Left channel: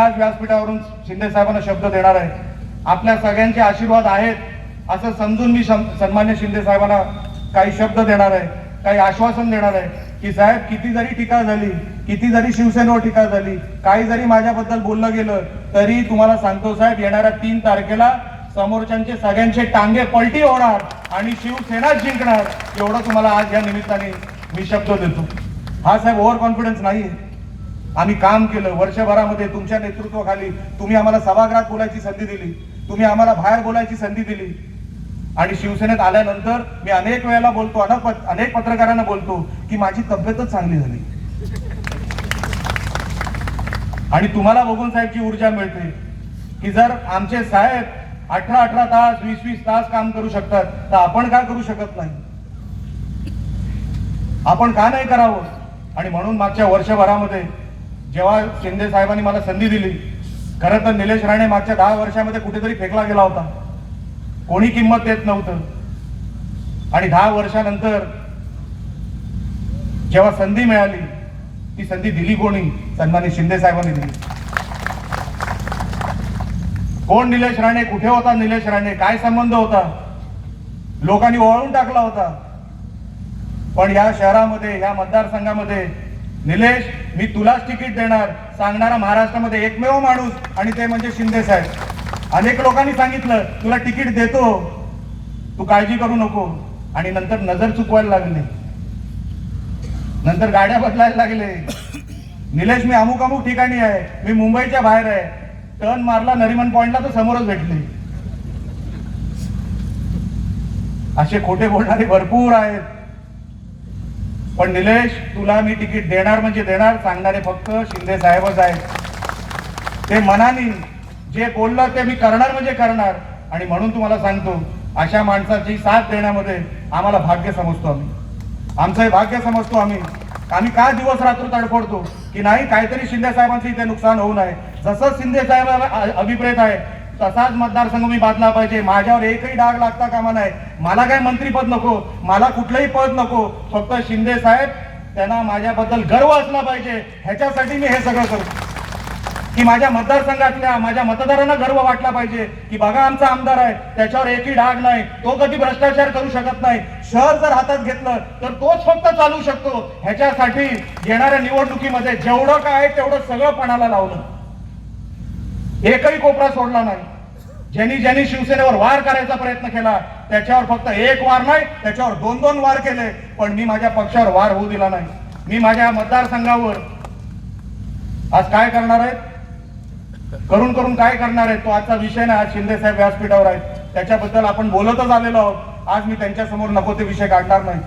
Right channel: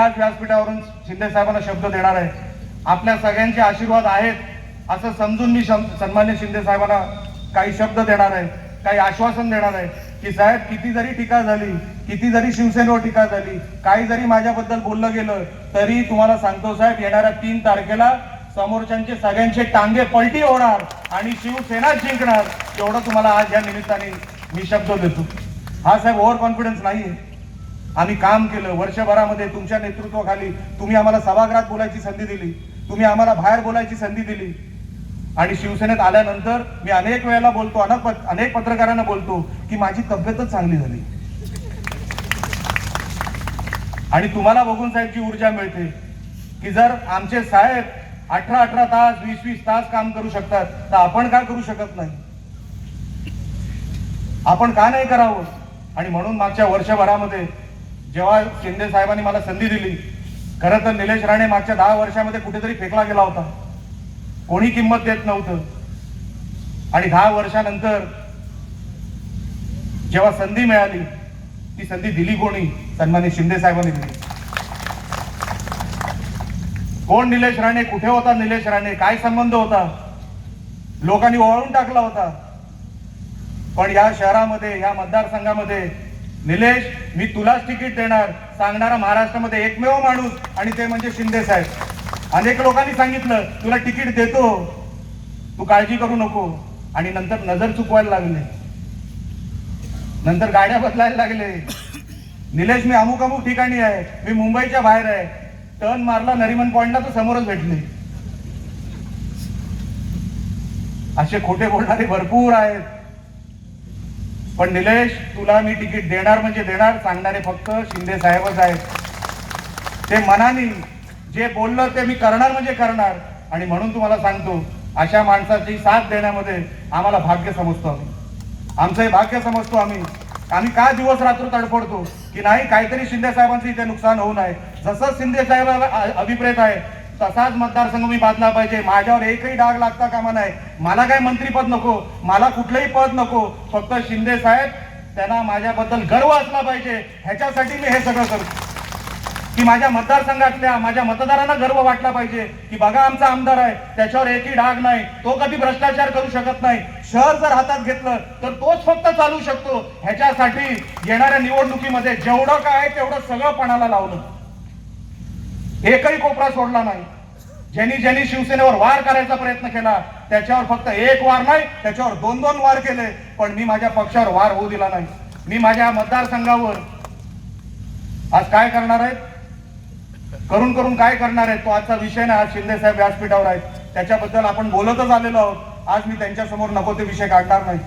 आज व्यासपीठावरून शिंदे साहेबांना शब्द देणार आहे. आपल्या सगळ्यांचे आशीर्वाद आहेत असं समजून मी सन्मान्य शिंदे साहेबांना काही शब्द देणार आहे काही आश्वासन देणार आहे की साहेब किती जरी टीका झाली किती जरी शिवसेनेवर टीका झाली काही जरी माझ्याबद्दल बोललं गेलं तरी तुम्हाला सांगतो साहेब येणाऱ्या तीन तारखेला समोरच्यांचे सगळ्यांचे टांगे पलटी होणार आणि शिवसेना जिंकणार एवढं तुम्हाला आज या निमित्ताने मी शब्द देतो. हा साहेब ओव्हर कॉन्फिडन्स नाही आम्ही काम केलं वर्षभरामध्ये तुमच्या नेतृत्वाखाली तुम्ही आम्हाला सभागृहात बोलायची संधी दिली तुम्ही आम्हाला बाहेर बोलायची संधी दिली. आणि शिवसेनेत आल्यानंतर मी अनेक वेळेला बोलतो अनेक अनेक पत्रकारांना बोलतो की माझी तब्येतच चांगली झाली. आणि तुम्हाला बघून साहेबची ऊर्जा मिळते की जर आमचे साहेब अठरा अठरा तास वीस वीस तास काम करू शकतात तर आपण का करू शकत नाही? आपण का नाही करावं? आणि म्हणून मागच्या वर्षभरामध्ये जेव्हा शिंदे साहेबांनी मला संधी दिली खरं तर निलेश राणे मागच्या दहा वर्षामध्ये कुठेतरी फेकला गेला होता. कोणी किंमत देत नव्हतं. आणि दहा वर्षानंतर जेव्हा संधी मिळाली ती संधी दिली कोणी? सन्मानी शिंदे साहेबांनी दिली. कोण निलेश राणे? कुठे होता निलेश राणे? काय संबंध होता? लोकांनी ओळून टाकला होता. पण या शहरामध्ये या मतदारसंघामध्ये निलेश मी तुलाच तिकीट देणार. सांगणारा महाराष्ट्रामध्ये एकमेव माणूस आणि ते म्हणजे शिंदे साहेब. अनेक लोकांनी सांगितलं तुला तिकीट देतो. तू काळजी करू नको. आणि नंतर नजर चुकवायला लागले. नंतर गाड्या बदलायला लागले. निलेश मी अमुक अमुक ठिकाणी आहे. मी मुंबईच्या बाहेर आहे. टर्न मारला नरिमन पॉइंटला तर समोरच भेटले. असे खोटे बोलणारे भरपूर आहेत. पण निलेश तुला मी तिकीट देणार म्हणजे देणार सांगणारे फक्त शिंदे साहेबच आहेत. ते मनाने जे बोललं ते मी करणार म्हणजे करणार. आणि म्हणून तुम्हाला सांगतो अशा माणसाची साथ देण्यामध्ये आम्हाला भाग्य समजतो आम्ही. आमचं हे भाग्य समजतो आम्ही. आम्ही काय दिवस रात्र तडफडतो? की नाही काहीतरी शिंदे साहेबांचं इथे नुकसान होऊ नये. जसं शिंदे साहेबांना अभिप्रेत आहे तसाच मतदारसंघ मी बांधला पाहिजे. माझ्यावर एकही डाग लागता कामा नाही मला काही मंत्रीपद नको. मला कुठलंही पद नको. फक्त शिंदे साहेब त्यांना माझ्याबद्दल गर्व असला पाहिजे. ह्याच्यासाठी मी हे सगळं करतो की माझ्या मतदारसंघातल्या माझ्या मतदारांना गर्व वाटला पाहिजे. की बघा आमचा आमदार आहे. त्याच्यावर एकही डाग नाही. तो कधी भ्रष्टाचार करू शकत नाही. शहर जर हातात घेतलं तर तोच फक्त चालू शकतो. ह्याच्यासाठी येणाऱ्या निवडणुकीमध्ये जेवढं काय आहे तेवढं सगळं पणाला लावलं. एकही कोपरा सोडला नाही. ज्यांनी ज्यांनी शिवसेनेवर वार करायचा प्रयत्न केला त्याच्यावर फक्त एक वार नाही त्याच्यावर दोन दोन वार केले पण मी माझ्या पक्षावर वार होऊ दिला नाही. मी माझ्या मतदारसंघावर आज काय करणार आहे? करून करून काय करणार आहे? तो आजचा विषय नाही आज शिंदे साहेब व्यासपीठावर आहेत. त्याच्याबद्दल आपण बोलतच आलेलो आहोत. आज मी त्यांच्यासमोर नको ते विषय काढणार नाही.